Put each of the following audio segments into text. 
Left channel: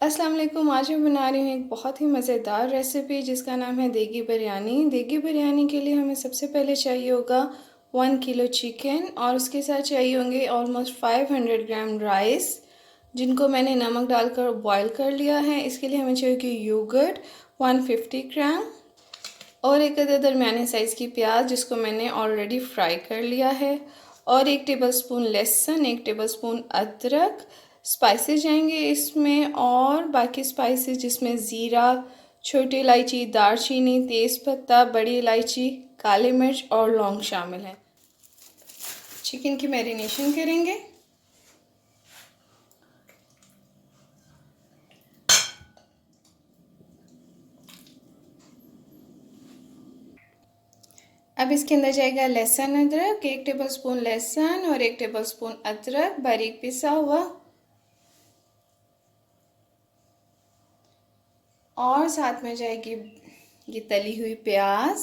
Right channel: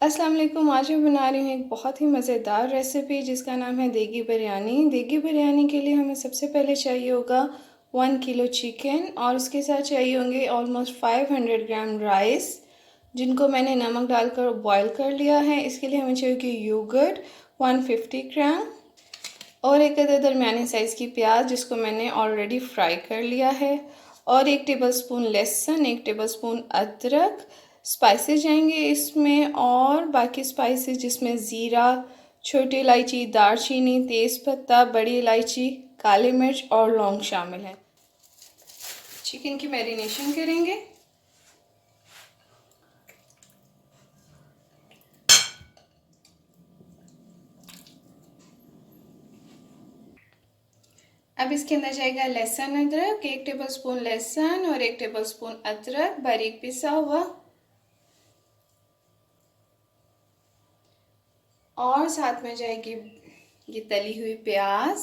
अस्सलाम वालेकुम। आज मैं बना रही हूँ एक बहुत ही मज़ेदार रेसिपी जिसका नाम है देगी बिरयानी। देगी बिरयानी के लिए हमें सबसे पहले चाहिए होगा 1 किलो चिकन और उसके साथ चाहिए होंगे ऑलमोस्ट 500 ग्राम राइस जिनको मैंने नमक डालकर बॉईल कर लिया है। इसके लिए हमें चाहिए योगर्ट 150 ग्राम और एक अदर दरमियाने साइज़ की प्याज जिसको मैंने ऑलरेडी फ्राई कर लिया है और 1 टेबलस्पून लहसुन, 1 टेबलस्पून अदरक। स्पाइसेस जाएंगे इसमें और बाकी स्पाइसेस जिसमें ज़ीरा, छोटी इलायची, दालचीनी, तेज़पत्ता, बड़ी इलायची, काली मिर्च और लौंग शामिल है। चिकन की मैरिनेशन करेंगे। अब इसके अंदर जाएगा लहसुन अदरक, 1 टेबलस्पून लहसुन और 1 टेबलस्पून अदरक बारीक पिसा हुआ और साथ में जाएगी ये तली हुई प्याज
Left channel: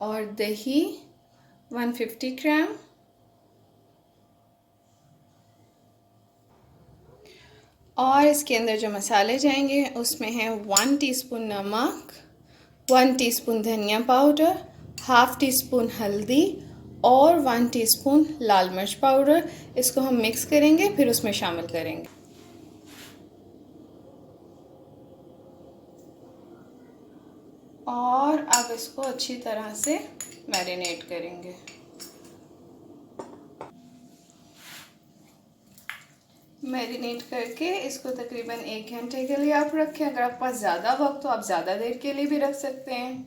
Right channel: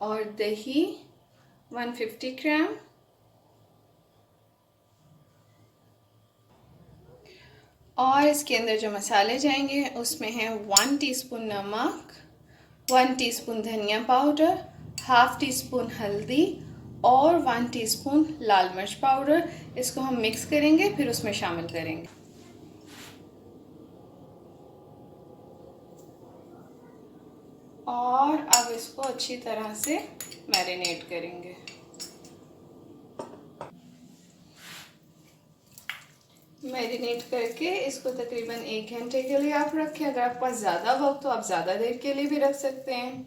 और दही 150 ग्राम और इसके अंदर जो मसाले जाएंगे उसमें है 1 टीस्पून नमक, 1 टीस्पून धनिया पाउडर, हाफ टी स्पून हल्दी और 1 टीस्पून लाल मिर्च पाउडर। इसको हम मिक्स करेंगे फिर उसमें शामिल करेंगे और अब इसको अच्छी तरह से मैरिनेट करेंगे। मैरिनेट करके इसको तकरीबन 1 घंटे के लिए आप रखें। अगर आपके पास ज़्यादा वक्त तो आप ज़्यादा देर के लिए भी रख सकते हैं।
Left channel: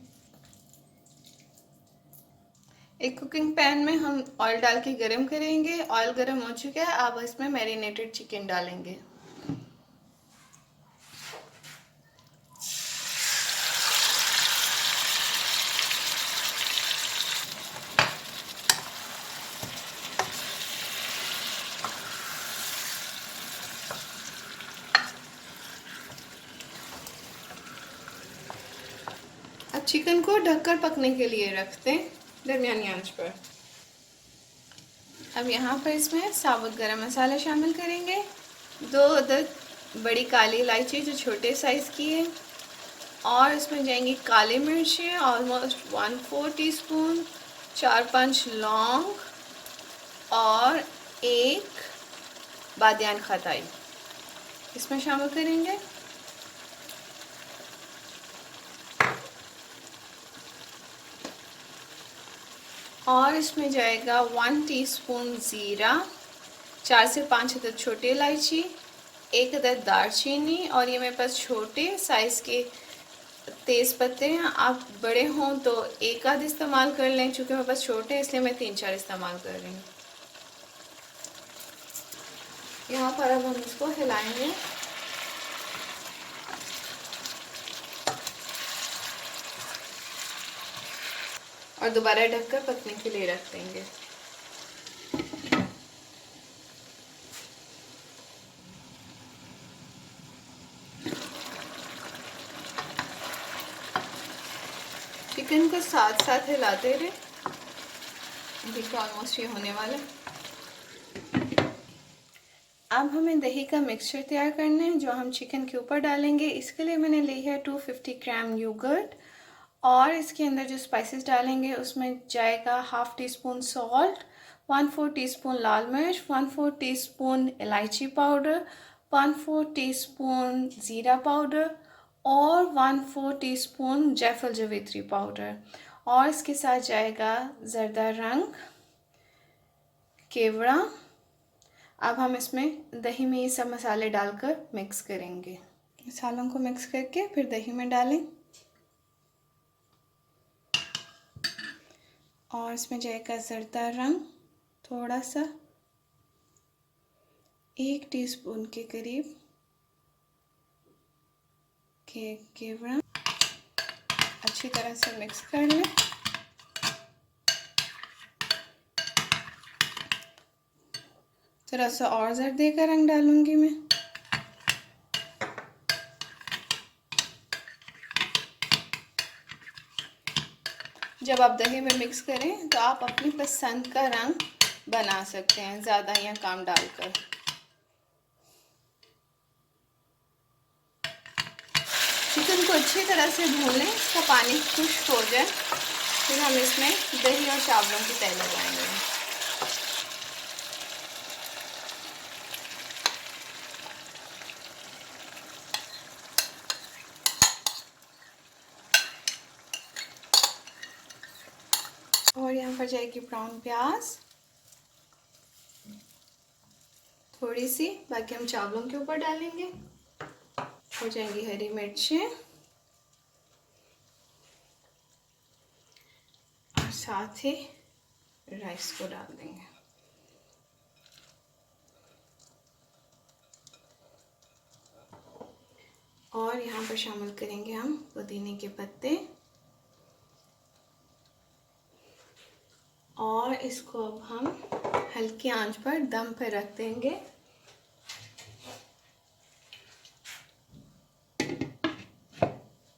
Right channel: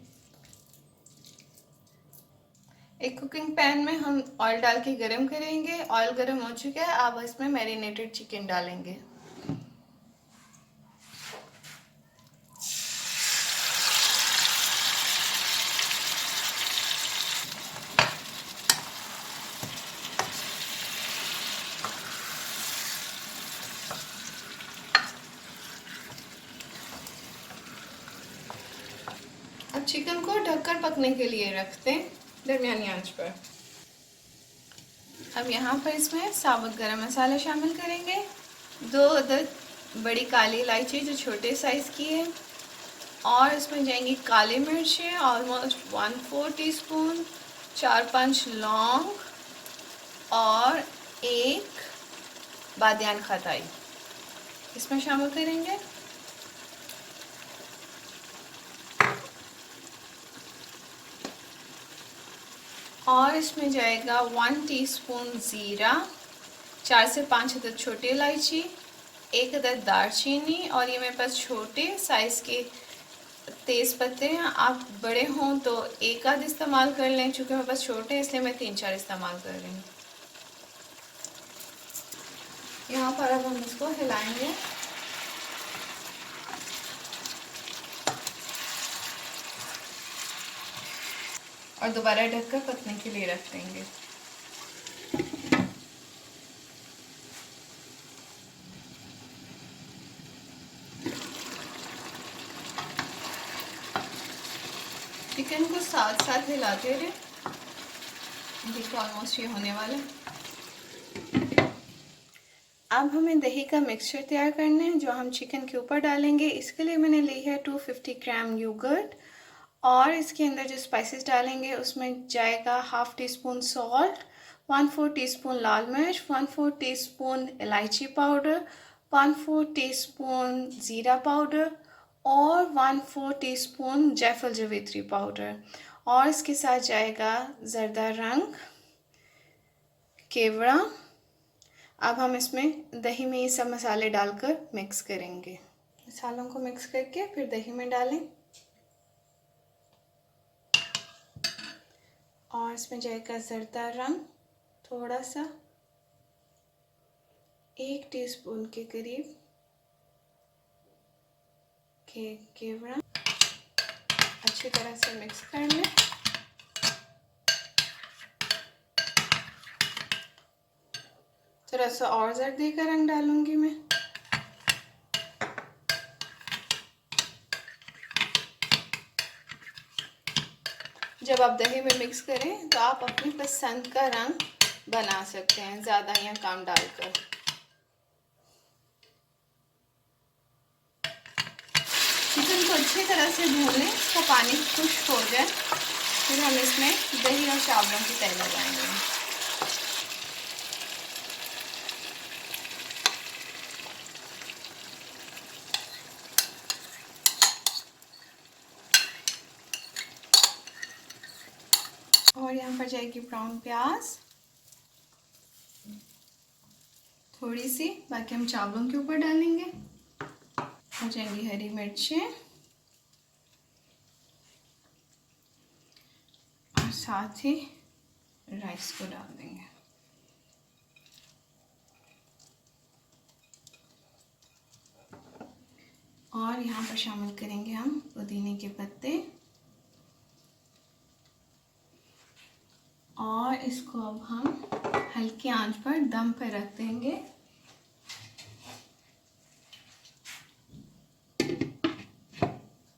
एक कुकिंग पैन में हम ऑयल डाल के गरम करेंगे। ऑयल गरम हो चुका है, अब इसमें मैरिनेटेड चिकन डालेंगे। अब चिकन को ढककर पकने के लिए रखते हैं दरमियानी आंच पर। अब यहाँ पर इसमें साबुत गरम मसाले शामिल करेंगे। 2 अदद बड़ी काली इलायची जो छोटे साइज़ की है और इसमें जाएंगी काली मिर्चें ऑलमोस्ट 1/4 टीस्पून, 4-5 लौंग और 1 बादियान खताई इसमें शामिल करेंगे। और इसमें जाएगा 1 टीस्पून ज़ीरा, 4 से 5 अदद छोटी इलायची, 1 अदद दालचीनी और ये मेरे पास छोटे साइज़ के तेज़ पत्ते हैं। आप बड़े हों तो एक आध इस्तेमाल कर लें, चूँकि मेरे पास छोटे हैं इसलिए मैं 3-4 इस्तेमाल कर रही हूँ। यहाँ पर अब हम इसको हिलाएंगे और दोबारा ढककर पकने के लिए रख देंगे। चिकन को साथ साथ हिलाते रहे। देखिए ऑलमोस्ट ये होने वाला। अब हमें दही का मिक्सचर तैयार करना है जो हम चिकन के ऊपर डालेंगे। इसके लिए मैंने ली है 250 ग्राम योगर्ट और इसके अंदर जो स्पाइसेस डालेंगे उसमें जाएगा half teaspoon salt, 1/4 teaspoon लाल मिर्च, 1/4 टीस्पून इलायची पाउडर, 1/4 टीस्पून ज़ीरा पाउडर और 1/4 टीस्पून जायफल जावित्री पाउडर और इसके साथ जाएगा ज़रदा रंग, केवड़ा। अब हम इसमें दही में ये सब मसाले डालकर मिक्स करेंगे। मसालों को मिक्स करके फिर दही में डालें और इसमें जाएगा ज़रदा रंग थोड़ा सा, 1 टीस्पून के करीब केवड़ा। अच्छी तरह से मिक्स कर लें। थोड़ा सा और जर्दे का रंग डालूंगी मैं। जब आप दही में मिक्स करें तो आप अपनी पसंद का रंग बना सकते हैं ज़्यादा या कम डालकर। चिकन को अच्छी तरह से भून लें, इसका पानी खुश्क हो जाए, फिर हम इसमें दही और चावलों की तह लगाएंगे। और यहाँ पर जाएगी ब्राउन प्याज थोड़ी सी, बाकी हम चावलों के ऊपर डालेंगे। हो जाएंगी हरी मिर्चें और साथ ही राइस को डाल देंगे। और यहाँ पर शामिल करेंगे हम पुदीने के पत्ते और इसको अब हम हल्की आंच पर दम पर रख देंगे।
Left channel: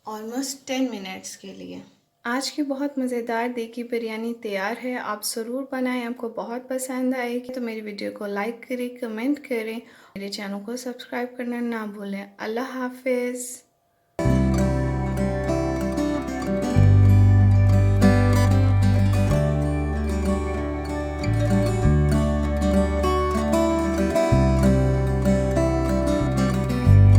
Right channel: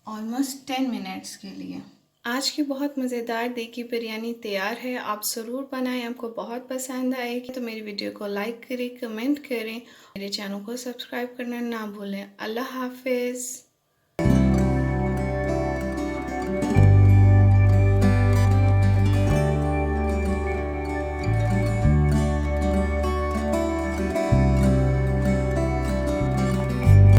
ऑलमोस्ट 10 मिनट्स के लिए। आज की बहुत मज़ेदार देगी बिरयानी तैयार है। आप ज़रूर बनाएं, आपको बहुत पसंद आएगी। तो मेरी वीडियो को लाइक करें, कमेंट करें, मेरे चैनल को सब्सक्राइब करना ना भूलें। अल्लाह हाफिज़।